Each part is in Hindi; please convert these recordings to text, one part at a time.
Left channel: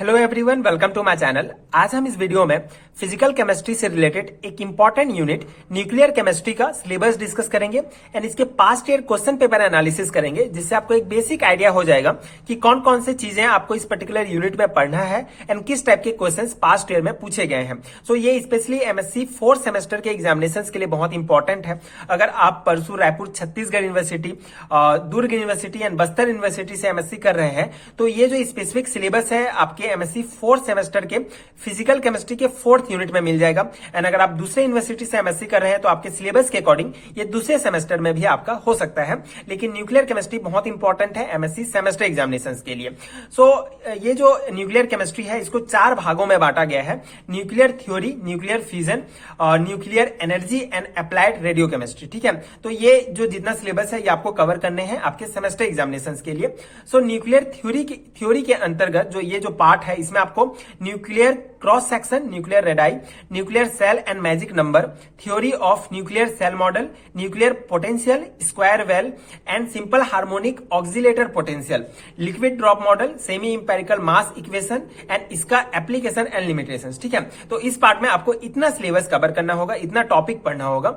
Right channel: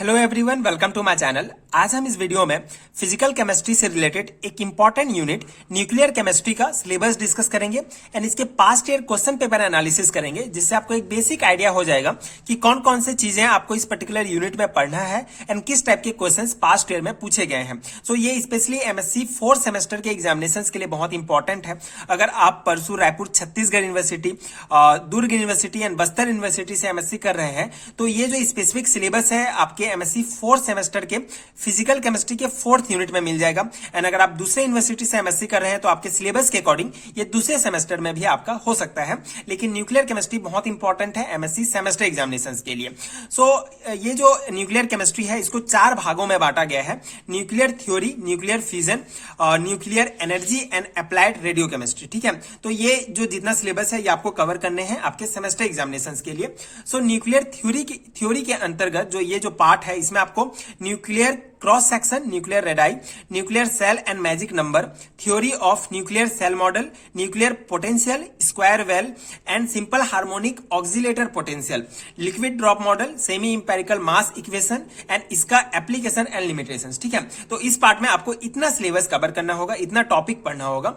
Hello everyone, welcome to my channel. आज हम इस वीडियो में फिजिकल केमिस्ट्री से रिलेटेड एक इंपॉर्टेंट यूनिट न्यूक्लियर केमिस्ट्री का सिलेबस डिस्कस करेंगे एंड इसके past year question paper analysis करेंगे, जिससे आपको एक बेसिक आइडिया हो जाएगा कि कौन कौन से चीजें आपको इस पर्टिकुलर यूनिट में पढ़ना है एंड किस टाइप के क्वेश्चन पास्ट ईयर में पूछे गए हैं। सो ये स्पेशली एमएससी 4th सेमेस्टर के एग्जामिनेशन के लिए बहुत इंपॉर्टेंट है। अगर आप परसों Raipur Chhattisgarh university, Durg university and Bastar university से एमएससी कर रहे हैं, तो ये जो स्पेसिफिक सिलेबस है आपके एमएससी 4th सेमेस्टर के फिजिकल केमिस्ट्री के 4th यूनिट में मिल जाएगा। एंड अगर आप दूसरे यूनिवर्सिटी से एमएससी कर रहे हैं तो आपके सिलेबस के अकॉर्डिंग ये दूसरे सेमेस्टर में भी आपका हो सकता है, लेकिन न्यूक्लियर केमिस्ट्री बहुत इंपॉर्टेंट है एमएससी सेमेस्टर एग्जामिनेशन के लिए। सो ये जो न्यूक्लियर केमिस्ट्री है इसको 4 भागों में बांटा गया है: nuclear theory, nuclear fusion, nuclear energy and applied radio chemistry. ठीक है, तो ये जो जितना सिलेबस है ये आपको कवर करने हैं आपके सेमेस्टर एग्जामिनेशन के लिए। सो न्यूक्लियर थ्योरी के अंतर्गत जो ये जो पार्ट है इसमें आपको nuclear cross section, nuclear radii, nuclear shell and magic number, theory of nuclear shell model, nuclear potential, square well and simple harmonic oscillator potential, liquid drop model, semi empirical mass equation and इसका एप्लीकेशन एंड लिमिटेशंस। ठीक है, तो इस पार्ट में आपको इतना सिलेबस कवर करना होगा, इतना टॉपिक पढ़ना होगा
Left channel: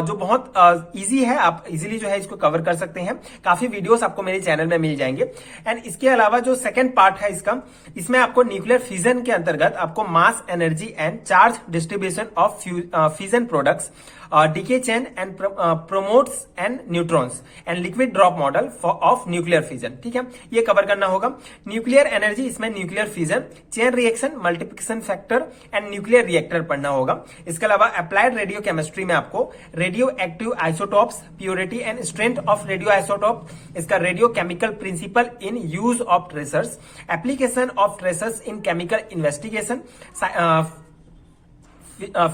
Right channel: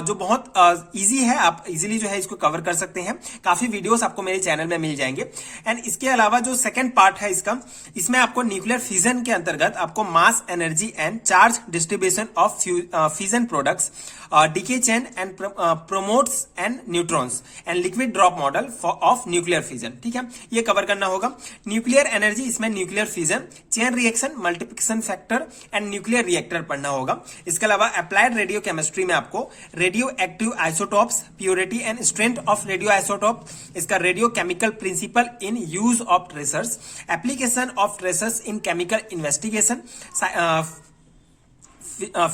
जो बहुत इजी है। आप इजीली जो है इसको कवर कर सकते हैं। काफी वीडियोस आपको मेरे चैनल में मिल जाएंगे। एंड इसके अलावा जो सेकंड पार्ट है इसका, इसमें आपको न्यूक्लियर फ्यूजन के अंतर्गत आपको mass energy and charge distribution of fusion products, decay chain and prompts and neutrons and liquid drop model of nuclear fusion. ठीक है, ये कवर करना होगा। न्यूक्लियर एनर्जी, इसमें nuclear fusion, chain reaction, multiplication factor and nuclear reactor पढ़ना होगा। इसके अलावा अप्लाइड रेडियो केमिस्ट्री में आपको radioactive isotopes, purity and strength of radioisotope, इसका radiochemical principle in use of tracers, application of tracers in chemical investigation,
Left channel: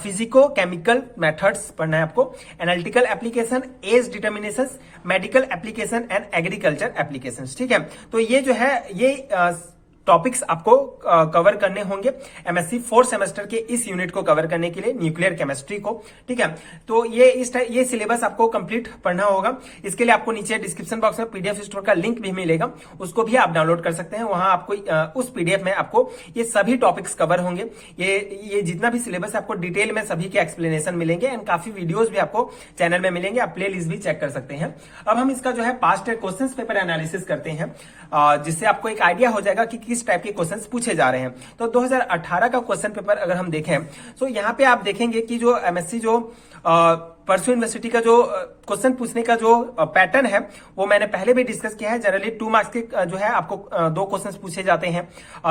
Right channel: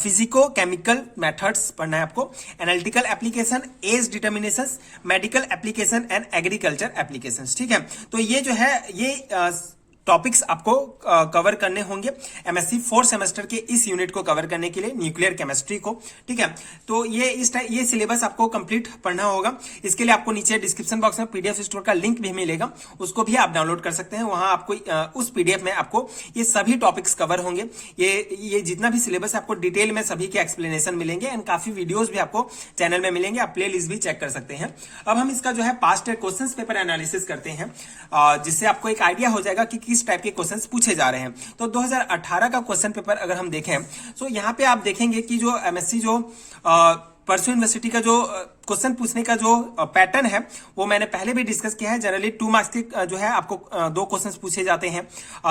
physico chemical methods पढ़ना है आपको, analytical application, age determination, medical application and agriculture application. ठीक है, तो ये जो है ये टॉपिक्स आपको कवर करने होंगे एमएससी 4th सेमेस्टर के इस यूनिट को कवर करने के लिए, न्यूक्लियर केमिस्ट्री को। ठीक है, तो ये सिलेबस आपको कंप्लीट पढ़ना होगा। इसके लिए आपको नीचे डिस्क्रिप्शन बॉक्स में पीडीएफ स्टोर का लिंक भी मिलेगा, उसको भी आप डाउनलोड कर सकते हैं। वहां आपको उस पीडीएफ में आपको ये सभी टॉपिक्स कवर होंगे। ये जितना भी सिलेबस आपको डिटेल में सभी के एक्सप्लेनेशन मिलेंगे एंड काफी वीडियोज भी आपको चैनल में मिलेंगे। आप प्ले लिस्ट भी चेक कर सकते हैं। अब हम इसका जो है पास्ट क्वेश्चन पेपर एनालिसिस करते हैं, जिससे आपको एक आइडिया हो जाएगा कि किस टाइप के क्वेश्चंस पूछे जा रहे हैं। तो 2018 का क्वेश्चन पेपर अगर हम देखें तो यहाँ पे आप देखेंगे कि जो एमएससी जो परसों यूनिवर्सिटी का जो क्वेश्चन पूछने का जो पैटर्न है वो मैंने पहले भी डिस्कस किया है। जनरली 2 मार्क्स के जो है आपको 2 क्वेश्चन पूछे जाते हैं,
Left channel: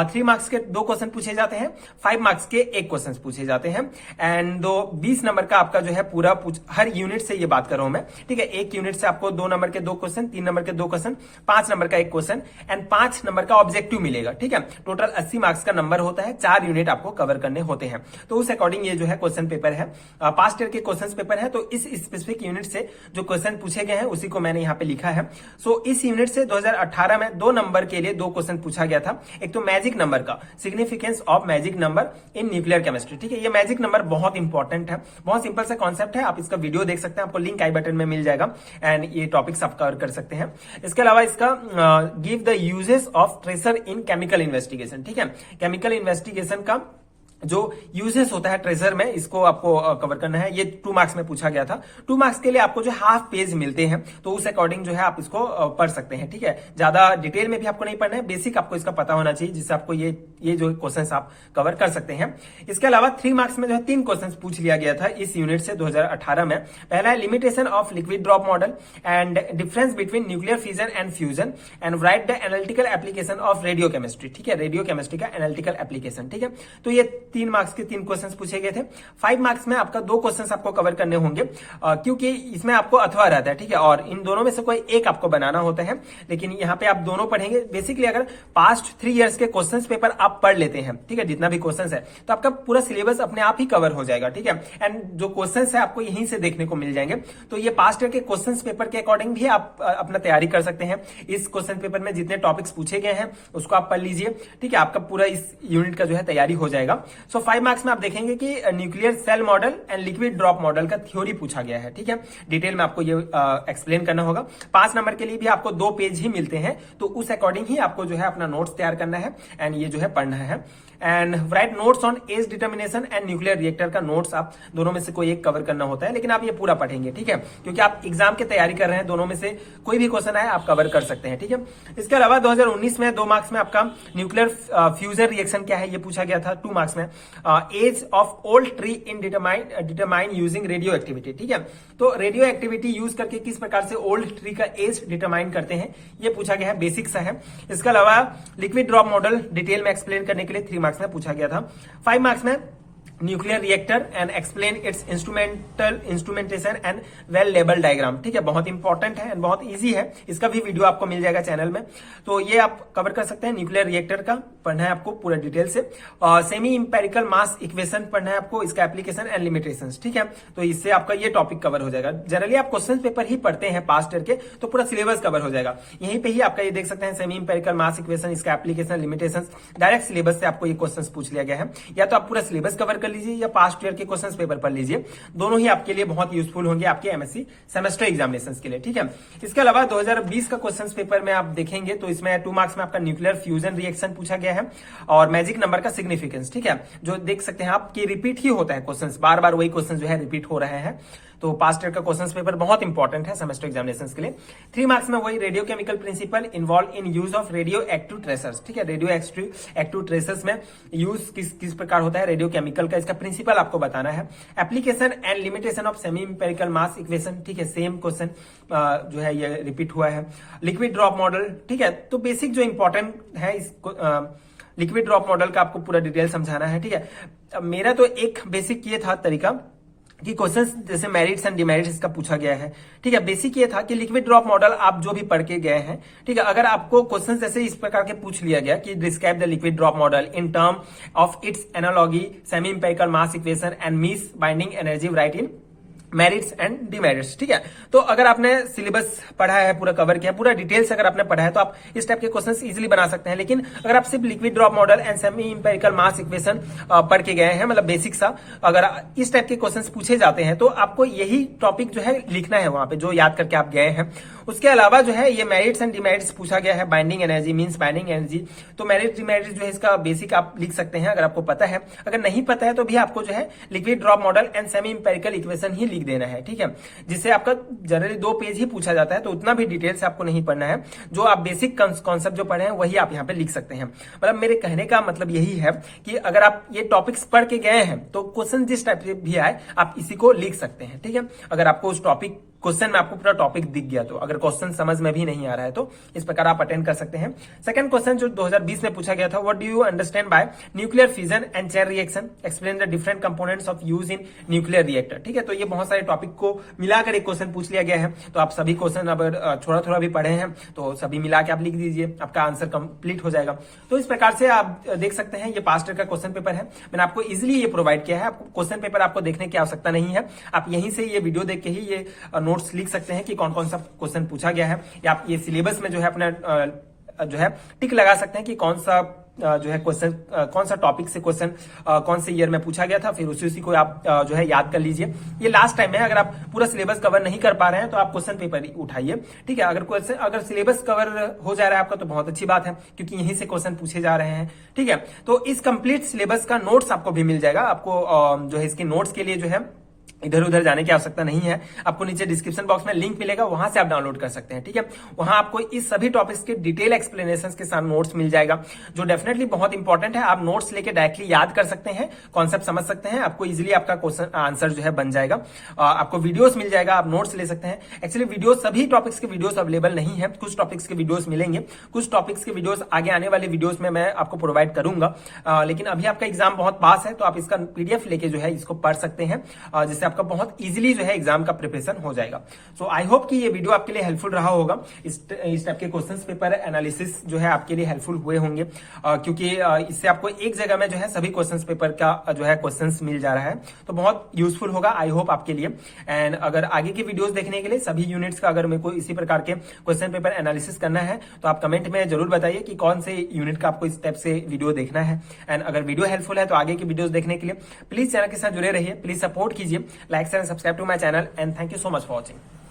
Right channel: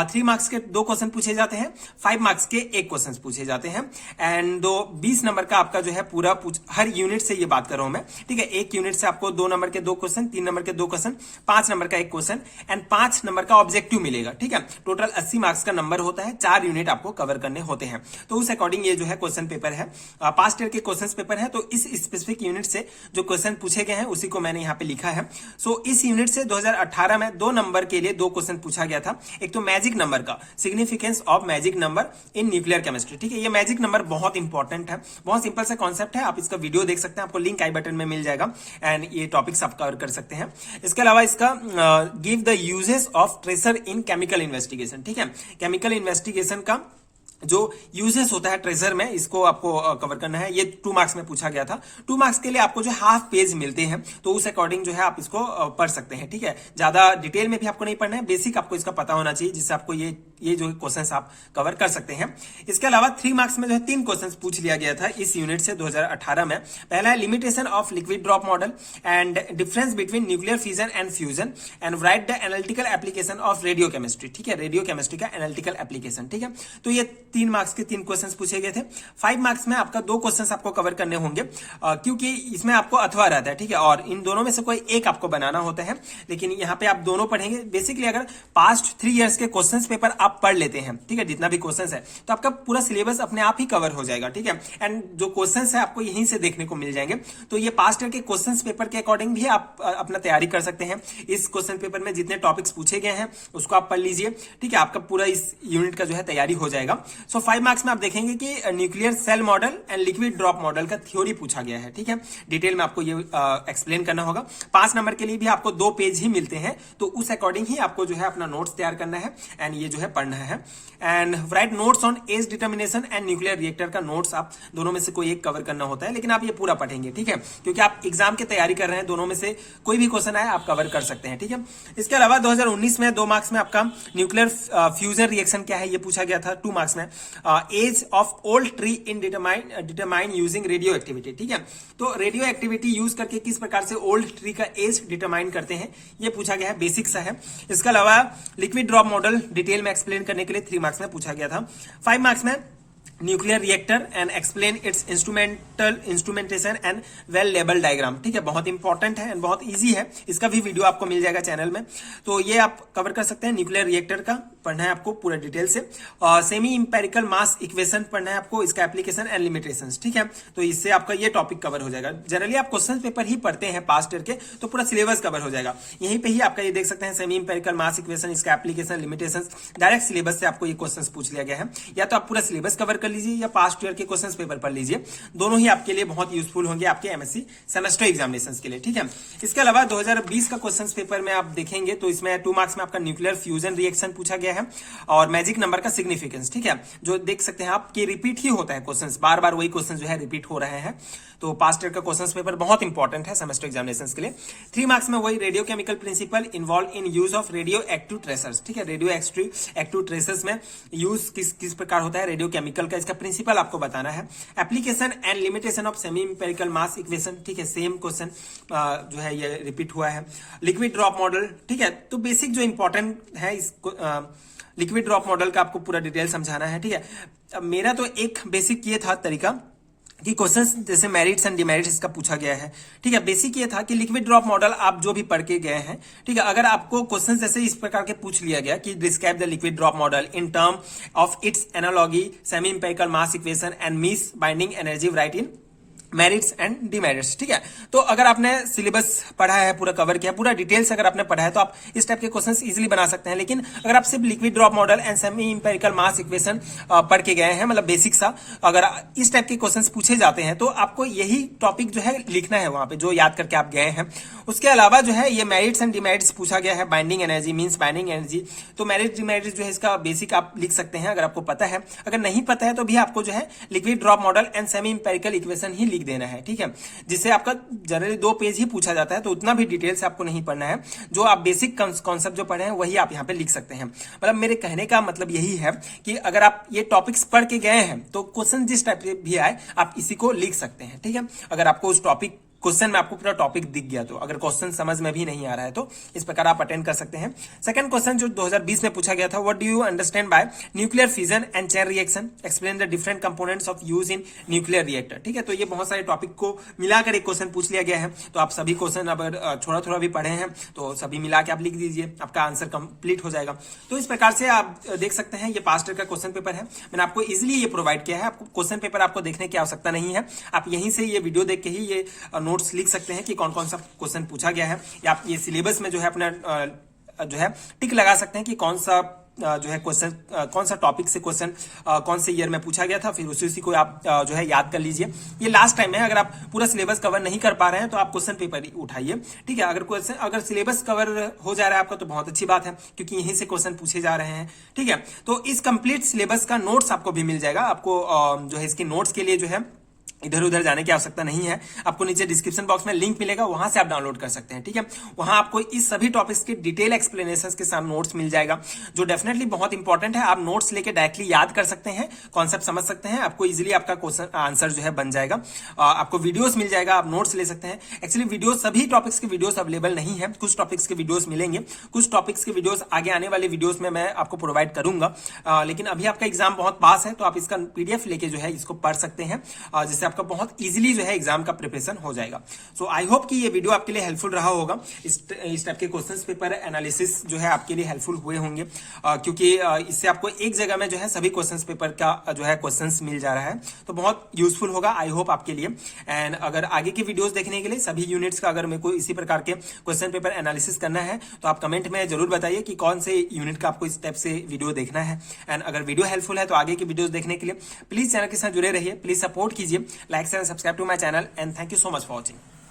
3 मार्क्स के 2 क्वेश्चन पूछे जाते हैं, 5 मार्क्स के 1 क्वेश्चन पूछे जाते हैं एंड 20 नंबर का आपका जो है पूरा हर यूनिट से ये बात कर रहा हूं मैं। ठीक है, एक यूनिट से आपको 2 नंबर के 2 क्वेश्चन, 3 नंबर के 2 क्वेश्चन, 5 नंबर का 1 क्वेश्चन एंड 5 नंबर का ऑब्जेक्टिव मिलेगा। ठीक है, टोटल 80 मार्क्स का नंबर होता है, 4 यूनिट आपको कवर करने होते हैं। तो उस अकॉर्डिंग ये जो है क्वेश्चन पेपर है, पास्ट ईयर के क्वेश्चन पेपर है। तो इस स्पेसिफिक यूनिट से जो क्वेश्चन पूछे गए हैं उसी को मैंने यहाँ पे लिखा है। सो इस यूनिट से 2018 में 2 नंबर के लिए 2 क्वेश्चन पूछा गया था। एक तो मैजिक नंबर का, significance of magic number in nuclear chemistry. ठीक है, ये मैजिक नंबर बहुत इंपॉर्टेंट है, बहुत सिंपल सा कॉन्सेप्ट है। आप इसका वीडियो देख सकते हैं, आपको लिंक आई बटन में मिल जाएगा एंड ये टॉपिक्स आप कवर कर सकते हैं। इसके अलावा इसका give the uses of tracer in chemical investigation. ठीक है, केमिकल इन्वेस्टिगेशन का जो यूजेस होता है ट्रेजर में, इसको आपको कवर करना है। ये 2 मार्क्स में पूछा गया था। 2 मार्क्स के लिए आपको जो हाफ पेज मिलते हैं, तो उस अकॉर्डिंग जो है आप इसको पढ़ सकते हैं। ठीक है, ज्यादा डिटेल में भी आपको नहीं पढ़ना है, बेसिक आपको इसका पता होना चाहिए, जिससे आपको ये जो क्वेश्चंस आप कवर कर सकते हैं। इसके अलावा 3 मार्क्स में जो है 3 क्वेश्चंस पूछ लिया गया था इस यूनिट से 2018 में। पहला है limitation of liquid drop model and difference between nuclear fusion and fusion and right the analytical application of radio chemistry. ठीक है, रेडियो केमिस्ट्री का एनालिटिकल एप्लीकेशन। ठीक है, तो ये 3 मार्क्स के 3 क्वेश्चंस पूछे गए थे। 5 मार्क्स में आपका 2 क्वेश्चंस आपको कवर करने होंगे, क्योंकि इसमें आपको अथवा रहता है। ठीक है, और इन दोनों में से कोई एक आपको बनाना होता है, लेकिन यहाँ पे आप दोनों पढ़ेंगे। बेसिकली अगर पास्ट 3 इयर्स के क्वेश्चंस पेपर आप पढ़ लेते हैं, ठीक है, जितना भी क्वेश्चंस है, तो आपका पूरा सिलेबस अपने आप ही कवर हो जाएगा। ठीक है, एंड जो क्वेश्चंस है आपको यहीं से देखने को मिल जाएंगे। तो ये पास्ट ईयर के क्वेश्चंस पेपर के अकॉर्डिंग भी आप अपना तैयारी कर सकते हैं। इस क्वेश्चन पेपर में जितने टॉपिक्स पूछे गए हैं उसको आप पढ़ लीजिए। ठीक है, आपका पूरा इस यूनिट का जो है तैयारी हो जाएगा। सो 5 मार्क्स में आप देखेंगे कि nuclear shell model and liquid drop model का थ्योरी पूछा गया है, ठीक है। डिटेल में आपको ये एक्सप्लेन करना होगा। 5 नंबर के लिए भी आपको 2 पेज ही मिलते हैं, तो उस अकॉर्डिंग ही आपको जो है अपना नोट्स तैयार करना है एंड ये जो है पढ़ना है। And write notes on age determination and nuclear reactor का नोट्स आप दोनों में से कोई एक कवर करना होता है, लेकिन आप ये पूरा पढ़ेंगे, ठीक है, क्योंकि आप एग्जाम की तैयारी कर रहे हैं। दोनों में से कोई भी क्वेश्चन आए आप कवर कर सकते हैं, ठीक है। इसके अलावा 2019 में 2 मार्क्स में आपका न्यूक्लियर फ्यूजन रिएक्शन क्या है ये पूछा गया था 2 मार्क्स में। Age of old tree in determine using radioactivity, ठीक है। तो रेडियो एक्टिविटी यूज करके किस प्रकार से ओल्ड ट्री का एज डिटरमाइन करते हैं ये पूछा गया है, बेसिक सा है। इसके अलावा लिक्विड ड्रॉप मॉडल डिटेल में एक्सप्लेन करने के लिए 3 मार्क्स में पूछा गया था। 5 मार्क्स में nuclear reactor and explain it's instrumentation and well label diagram, ठीक है, बहुत इंपॉर्टेंट है एंड बहुत इजी है। इसका भी वीडियो आपको मिल जाएगा चैनल में, तो ये आप कवर कर सकते हैं। न्यूक्लियर रिएक्टर का पढ़ना है आपको पूरा डिटेल से। सेमी इंपेरिकल मास इक्वेशन पढ़ना है आपको, इसका एप्लीकेशन एंड लिमिटेशंस, ठीक है। तो इससे आपका ये टॉपिक कवर हो जाएगा। जनरली आप क्वेश्चन पेपर ही पढ़ते हैं पास्ट ईयर के, तो पूरा सिलेबस कवर हो जाएगा। यहीं पे ही आपका ये देख सकते हैं सेमी इंपेरिकल मास इक्वेशन, इसका एप्लीकेशन, लिमिटेशंस, डायरेक्ट सिलेबस से आपको ये क्वेश्चन पूछ लिया गया है। या तो आप पूरा सिलेबस कवर कर लीजिए या पास्ट ईयर के क्वेश्चंस पेपर पढ़ लीजिए, दोनों ही आपके लिए बहुत यूजफुल होंगे आपके एमएससी सेमेस्टर एग्जामिनेशंस के लिए, ठीक है। इसके अलावा 2020 का क्वेश्चंस पेपर में आप देखेंगे तो इसमें 2 मार्क्स में आपका न्यूक्लियर फ्यूजन रिएक्शन पूछा गया है और मैजिक नंबर का सिग्निफिकेंस, ठीक है, जो देख सकते हैं आप कि रिपीट ही होता है क्वेश्चंस, बार बार वही क्वेश्चन जो है रिपीट हो रहे हैं। तो पास्ट ईयर का क्वेश्चंस पेपर बहुत इंपॉर्टेंट है सेमेस्टर एग्जामिनेशंस के लिए। 3 मार्क्स में वही radiochemical principle involve in use of radioactive tracers, ठीक है। रेडियो एक्टिव ट्रेसर्स में यूज किस प्रकार होता है रेडियो केमिकल का, इसका प्रिंसिपल आपको बताना है। Application and limitation of semi empirical mass equation, ठीक है, सेम क्वेश्चन जो है ये रिपीट हुआ है। लिक्विड ड्रॉप मॉडल, ठीक है, तो बेसिक जो इंपॉर्टेंट है इसको लिक्विड ड्रॉप मॉडल का आपको पूरा डिटेल समझाना है, ठीक है। मेरा तो एक बेसिक ये था तरीका कि क्वेश्चंस जैसे मेरिट्स एंड डिमेरिट्स इसका पूछा गया है, ठीक है। बेसिक ये था कि लिक्विड ड्रॉप मॉडल आप जो भी पढ़ के गए हैं, ठीक है, अगर आपको क्वेश्चंस जैसे इस प्रकार के पूछ लिया गया कि describe the liquid drop model in term of its analogy semi empirical mass equation and mass binding energy write in merits and demerits, ठीक है। तो अगर आपने सिलेबस पढ़ा है, पूरा कवर किया, पूरा डिटेल्स अगर आपने पढ़ा है तो आप इस टाइप के क्वेश्चंस इजीली बना सकते हैं। लेकिन अगर आप सिर्फ liquid drop model and semi empirical mass equation पढ़ के गए हैं, मतलब बेसिक सा, अगर इस टाइप के क्वेश्चंस पूछे जाते हैं तो आपको यही टॉपिक जो है लिखना है वहां पे जो याद करके आप गए हैं। उसके अलावा जो है ये मेरिट्स एंड डिमेरिट्स पूछा गया है, binding energy means binding energy, तो मेरिट डिमेरिट्स जो है इसका बेसिक आप लिख सकते हैं अगर आपको पता है। अगर नहीं पता है तो भी आपको जो है liquid drop model and semi empirical equation ही लिख देना है, ठीक है, जिससे आपका जनरली 2 पेज ही पूछा जाता है, तो उतना भी डिटेल से आपको नहीं पढ़ना है। जो आप बेसिक कॉन्सेप्ट जो पढ़े हैं वही आप यहाँ पे लिख सकते हैं। मतलब मेरे कहने का मतलब यही है कि अगर आप ये टॉपिक्स पढ़ के गए हैं तो क्वेश्चन जिस टाइप से भी आए आप इसी को लिख सकते हैं, ठीक है। अगर आपको उस टॉपिक क्वेश्चन में आपको पूरा टॉपिक दिख गया तो, अगर क्वेश्चन समझ में भी नहीं आ रहा है तो इस प्रकार आप अटेंड कर सकते हैं। सेकंड क्वेश्चन जो 2020 में पूछा गया था, what do you understand by nuclear fission and chain reaction, explain the different components of use in nuclear reactor, ठीक है। तो ये बहुत सारे टॉपिक को मिलाकर एक क्वेश्चन पूछ लिया गया है, तो आप सभी क्वेश्चन अगर थोड़ा थोड़ा भी पढ़े हैं तो सभी मिला के आप लिख दीजिए, आपका आंसर कंप्लीट हो जाएगा। तो इस प्रकार से आप देख सकते हैं ये पास्ट ईयर का क्वेश्चन पेपर है, मैंने आपको इजिली ये प्रोवाइड किया है। आपको क्वेश्चन पेपर आपको देखने की आवश्यकता नहीं है, आप यहीं से ये वीडियो देख के ही ये नोट्स लिख सकते हैं कि कौन कौन सा क्वेश्चन पूछा गया है, या आप ये सिलेबस में जो है अपना जो है टिक लगा सकते हैं कि कौन सा जो है क्वेश्चन, कौन सा टॉपिक से क्वेश्चन कौन से ईयर में पूछा गया था, फिर उसी को आप जो है याद कर लीजिए। ये लास्ट टाइम है, अगर आप पूरा सिलेबस कवर नहीं कर पा रहे हैं तो आप क्वेश्चन पेपर उठाइए, ठीक है। अगर सिलेबस कवर हो जा रहा है आपका तो बहुत अच्छी बात है, क्योंकि यहीं से क्वेश्चन पूछे जा रहे हैं, ठीक है। तो इस कंप्लीट सिलेबस का नोट्स आपको भी मिल जाएगा। आपको जो है इसके नोट्स के लिए जो है इधर उधर जाने की आवश्यकता नहीं है, आपको नीचे डिस्क्रिप्शन बॉक्स में लिंक मिलेगा, वहां से आप डाउनलोड कर सकते हैं, ठीक है। वहां आपको इस सभी टॉपिक्स के डिटेल एक्सप्लेनेशंस के साथ नोट्स मिल जाएगा, जो डेफिनेटली बहुत इंपॉर्टेंट है। आप नोट्स लेके डायरेक्टली याद कर सकते हैं, कॉन्सेप्ट समझ सकते हैं, आपको इजीली आपका क्वेश्चन आंसर जो है बन जाएगा। आपको वीडियोस मिल जाएगा, आप नोट्स ले सकते हैं। एक्चुअली वीडियोस, सभी टॉपिक्स के वीडियोस अवेलेबल नहीं है, कुछ टॉपिक्स के वीडियोस मिलेंगे, कुछ टॉपिक्स के वीडियोस आगे आने वाले वीडियोस में मैं आपको प्रोवाइड करूंगा। लेकिन अभी आपका एग्जाम बहुत पास है, तो आप इसका PDF लेके जो है इसको पढ़ सकते हैं, जिससे जिससे आपका बहुत इजीली जो है एग्जाम का प्रिपरेशन हो जाएगा। सो आई होप कि ये वीडियो आपके लिए हेल्पफुल रहा होगा। इस टाइप के क्वेश्चंस पेपर एनालिसिस जो है आपके लिए हेल्पफुल हुए होंगे, क्योंकि इससे आपको एक जगह में जो है सभी क्वेश्चंस पेपर का जो है क्वेश्चंस मिल जा रहा है, तो बहुत यूजफुल होगा आई होप आपके लिए। एंड अगर आगे के वीडियोस देखने के लिए सभी यूनिट्स का अगर मेरे को इसी प्रकार के क्वेश्चन पेपर एनालिसिस करना है तो आप कमेंट में जरूर बताइए कि कौन से यूनिट का आपको इस टाइप से वीडियो देखना है। एंड अगर वीडियो हेल्पफुल है तो आगे की वीडियोस देखने के लिए प्लीज चैनल के साथ जुड़े रहिए, प्लीज सपोर्ट कीजिए, like and subscribe to my channel and thank you so much for watching.